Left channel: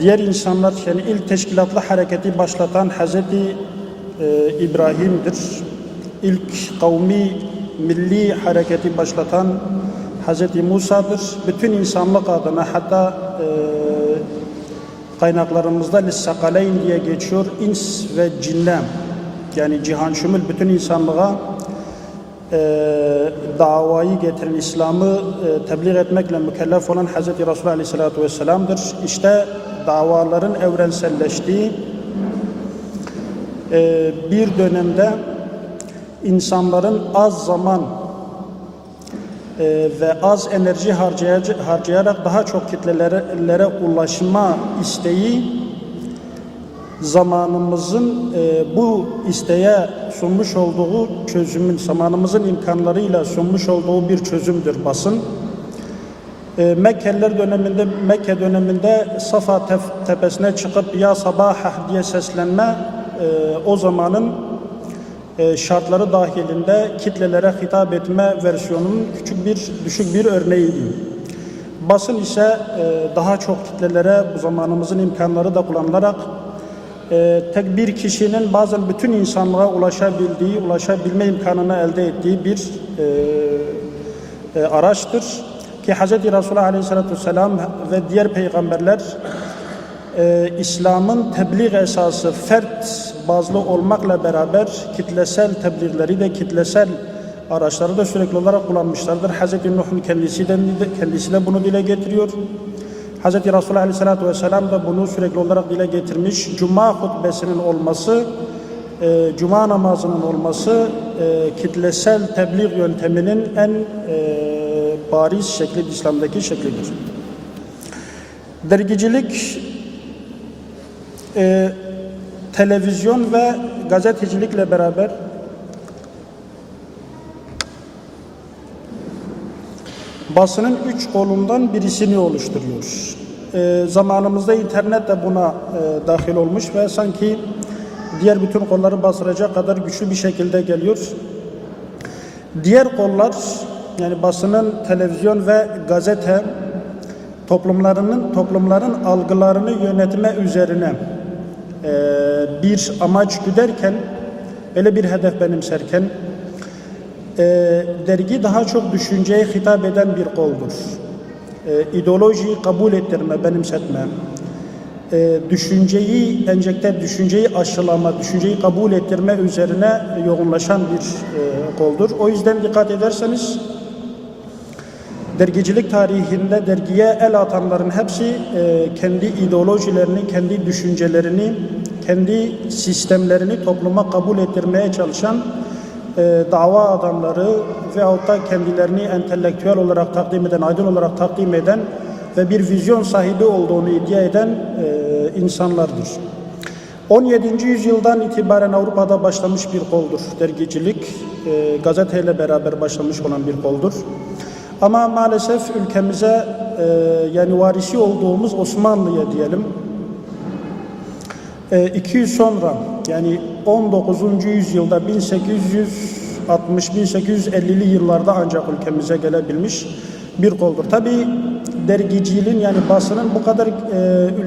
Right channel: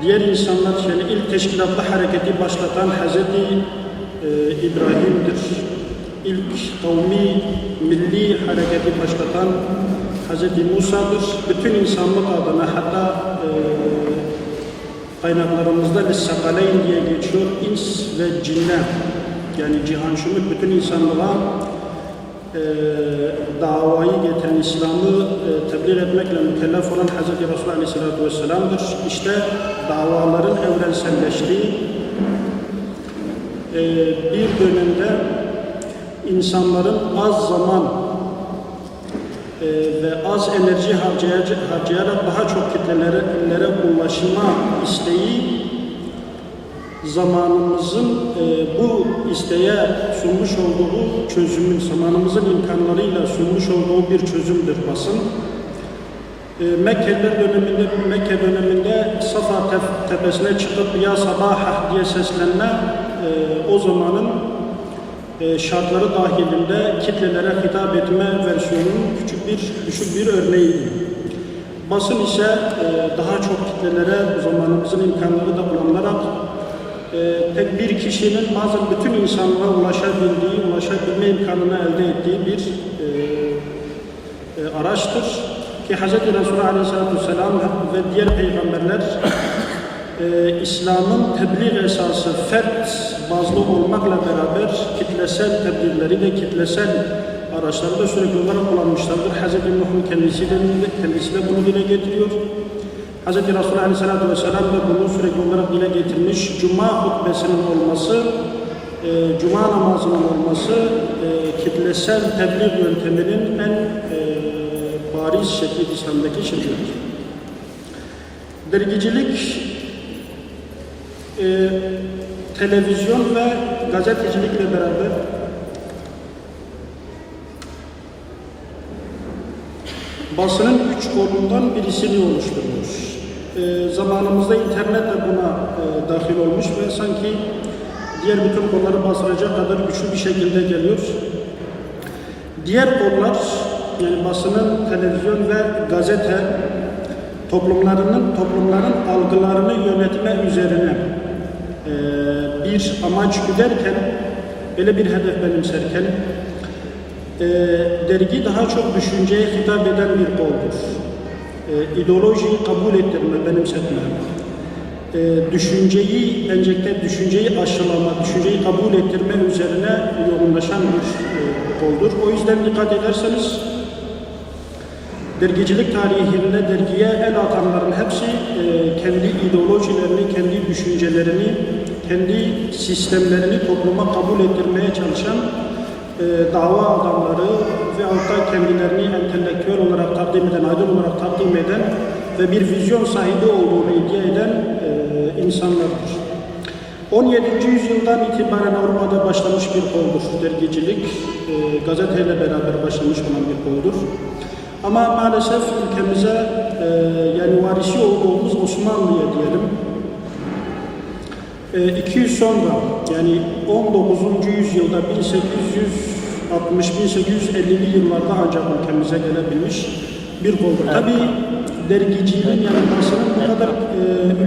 diğer insanlar, yani ilk teşkilatlı hareketi başlatan Hazreti İbrahim'dir. İlk kavmi milli hareketi başlatan Hazreti Musa'dır. Bütün insanlık adına, hatta kaynaklarımızda Lissakaleyn diye geçiyor, ins ve cinne, yani cihan şumul bütün insanlığa davayı getiren, İslam'ı tebliğ etmekle mükellef olan Hz. Resulullah Aleyhisselatü Vesselam'dır. İşte davaların evrenselleştiği bir dönemde insanların az zaman ve az enerji harcayarak daha çok kitlelere ulaşma isteği, zamanımızın bu isteğe sunmuş olduğu çözümün, zamanımızın imkanlarıyla sunmuş olduğu bir çözümdür basın. Mekke döneminde Safa tepesine çıkıp "Ya sabahah" diye seslenme o zamanın şartları dahilinde kitlelere hitap etme versiyonunun düşük bir örneğiydi. Basın ise daha çok kitlelere zamanımızın imkanları da kullanılarak tek bir kişinin bazen bütün insanlığa ulaşabilme imkanını elde ettiği bir araçtır. Ki Hz. Resulullah Aleyhisselatü Vesselam ve diğer peygamberler İslam'ın tebliğ esası fert bazlı olmakla beraber kitlesel tebliğleri de, kitlesel araçları da sürekli olarak kullanmışlardır. Hz. Nuh'un kendisi de bunu dile getiriyor. Hz. Resulullah Aleyhisselatü Vesselam da bunu sürekli olarak dile getirmiş. Cuma hutbesinin olması, Cuma namazının olması kitlesel tebliğ yönteminin en bariz şekli, İslam'daki şeklidir. Dergicilik, televizyon ve gazetecilikle beraber basının üç kolundan birisini oluşturuyor. Zamanımızda internet de buna dahil olmuş ve sanki diğer bütün kolları bastıracak kadar güçlü bir şekilde geliyor. Diğer kollar, yani basının, televizyon ve gazete toplumların algılarını yönetme üzerine bir amaç güderken, öyle bir hedef benimserken, dergi daha çok düşünceye hitap eden bir koldur. İdeolojiyi kabul ettirme, benimsetme, düşünceyi enjekte, düşünceyi aşılama, düşünceyi kabul ettirme üzerine yoğunlaşan bir koldur. O yüzden dikkat ederseniz dergicilik tarihinde dergiye el atanların hepsi kendi ideolojilerini, kendi düşüncelerini, kendi sistemlerini topluma kabul ettirmeye çalışan dava adamları veyahut da kendilerini entelektüel olarak takdim eden, aydın olarak takdim eden ve bir vizyon sahibi olduğunu iddia eden insanlardır. 17. yüzyıldan itibaren Avrupa'da başlamış bir koldur dergicilik, gazeteyle beraber başlamış olan bir koldur. Ama maalesef ülkemize yani varisi olduğumuz Osmanlı'ya diyelim 200 sonra, yani 19. yüzyılda 1860-1850'li yıllarda ancak ülkemize gelebilmiş bir koldur. Tabii dergiciliğin, yani basının bu kadar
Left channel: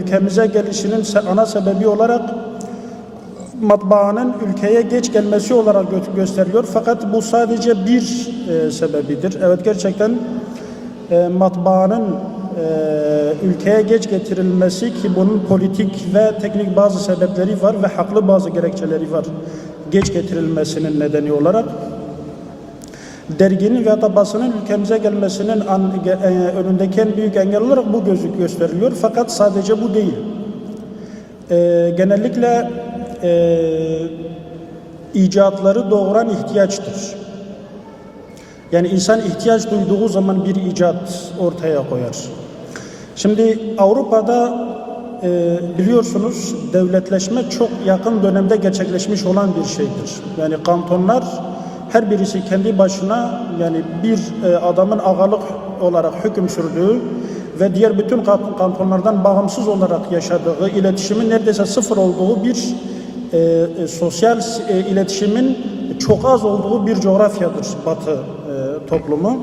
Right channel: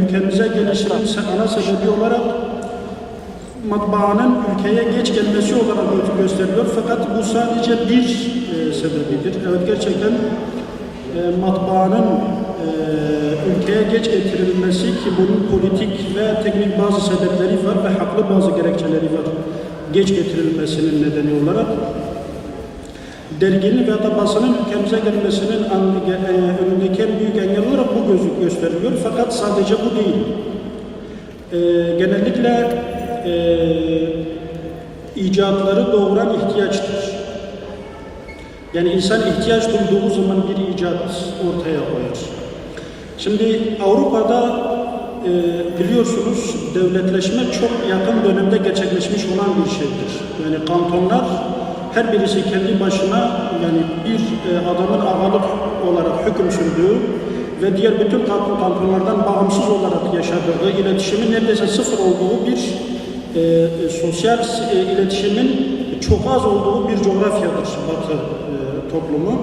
ülkemize gelişinin ana sebebi olarak matbaanın ülkeye geç gelmesi olarak gösteriliyor. Fakat bu sadece bir sebebidir. Evet, gerçekten matbaanın ülkeye geç getirilmesi, ki bunun politik ve teknik bazı sebepleri var ve haklı bazı gerekçeleri var geç getirilmesinin nedeni olarak. Derginin veya da basının ülkemize gelmesinin önündeki en büyük engel olarak bu gösteriliyor. Fakat sadece bu değil. Genellikle icatları doğuran ihtiyaçtır. Yani insan ihtiyaç duyduğu zaman bir icat ortaya koyar. Şimdi Avrupa'da biliyorsunuz devletleşme çok yakın dönemde gerçekleşmiş olan bir şeydir. Yani kantonlar her birisi kendi başına, yani bir adamın ağalık olarak hüküm sürdüğü ve diğer bütün kantonlardan bağımsız olarak yaşadığı, iletişimin neredeyse sıfır olduğu bir sosyal iletişimin çok az olduğu bir coğrafyadır Batı toplumu.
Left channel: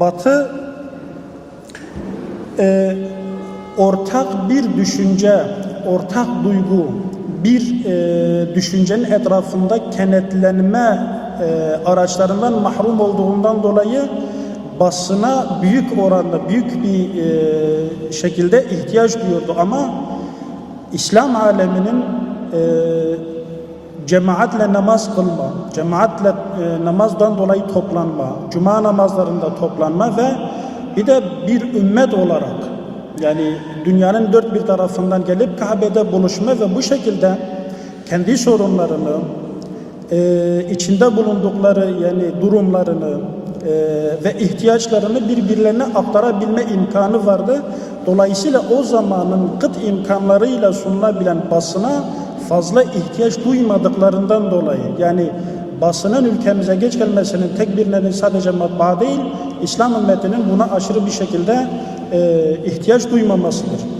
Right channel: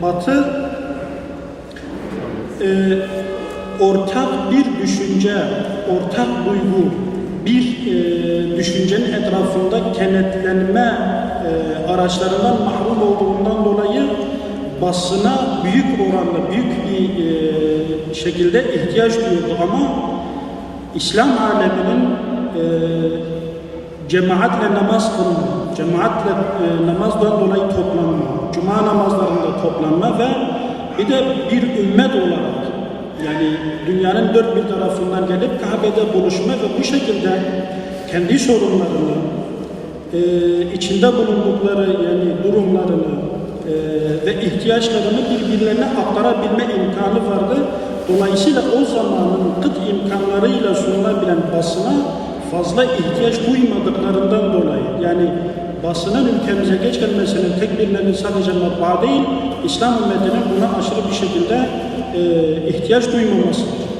Batı ortak bir düşünce, ortak duygu, bir düşüncenin etrafında kenetlenme araçlarından mahrum olduğundan dolayı basına büyük oranda, büyük bir şekilde ihtiyaç duyuldu. Ama İslam aleminin cemaatle namaz kılma, cemaatle namazdan dolayı toplanma, cuma namazlarında toplanma ve bir de bir ümmet olarak, yani dünyanın dört bir tarafından gelip Kabe'de buluşma ve bu şekilde kendi sorunlarını, içinde bulundukları yani durumlarını ve ihtiyaçlarını birbirlerine aktarabilme imkanı vardı. Dolayısıyla o zamanın kıt imkanlarıyla sunulabilen basına fazla ihtiyaç duymadıklarından dolayı, yani basının ülkemize geç gelmesinin tek bir nedeni sadece matbaa değil, İslam ümmetinin buna aşırı bir şekilde ihtiyaç duymamasıdır.